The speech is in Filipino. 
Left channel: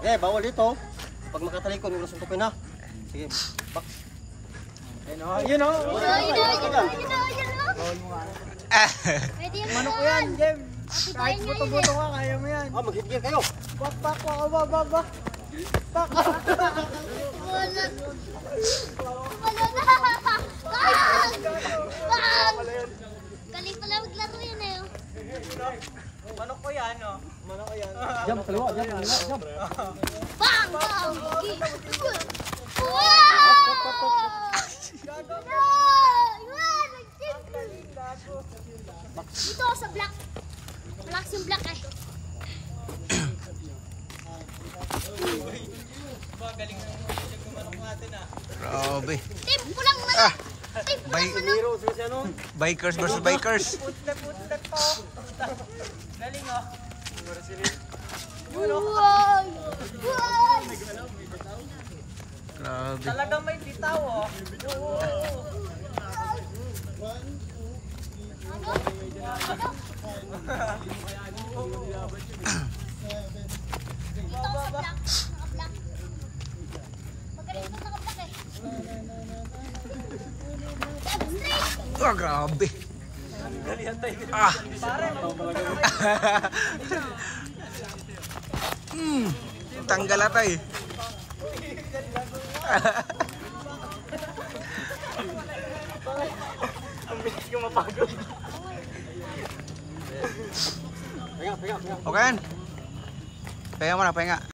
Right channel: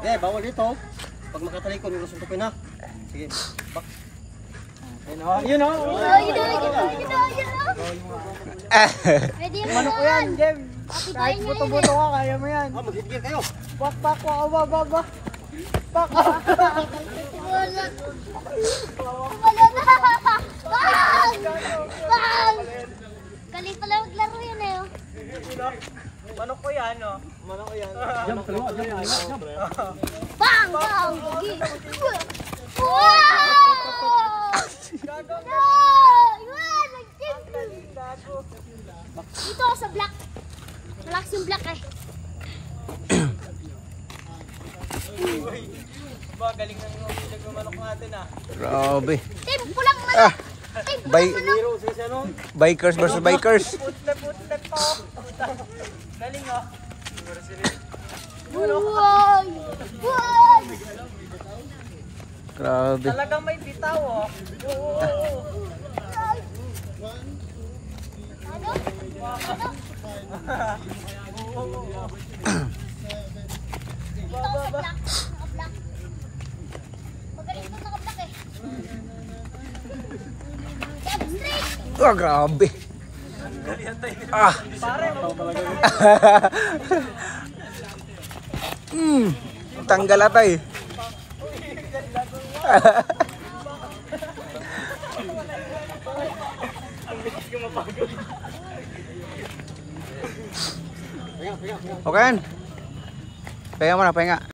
Eh, bawal dito. Pag makatalikod, may suntukin na. Sige, bak. Yun o. Manok ko yan, Jem. Kahit buto-buto ka, kaya mo yan. Ah, mag-hit-gear kayo. Pak, pak, pak. Pak. Wala na. Galing pala maglaro yan eh. Manok ko yan, no? Manok ko yan. Jam, kaliwa, jam. Bang! Bang! Dito ako sa black. Malakas yung black eh. Grabe. Tim, pulang na. Bikers versus bikers. Wow! Wow! Grabe. Talagang may bitaw, oh. Dito ako sa black. Naka-black. Magaling po naka-black eh. Jab straight! Oh, grabe. Ah. Tanggal ata eh. Okay. Pahinga muna, pahinga.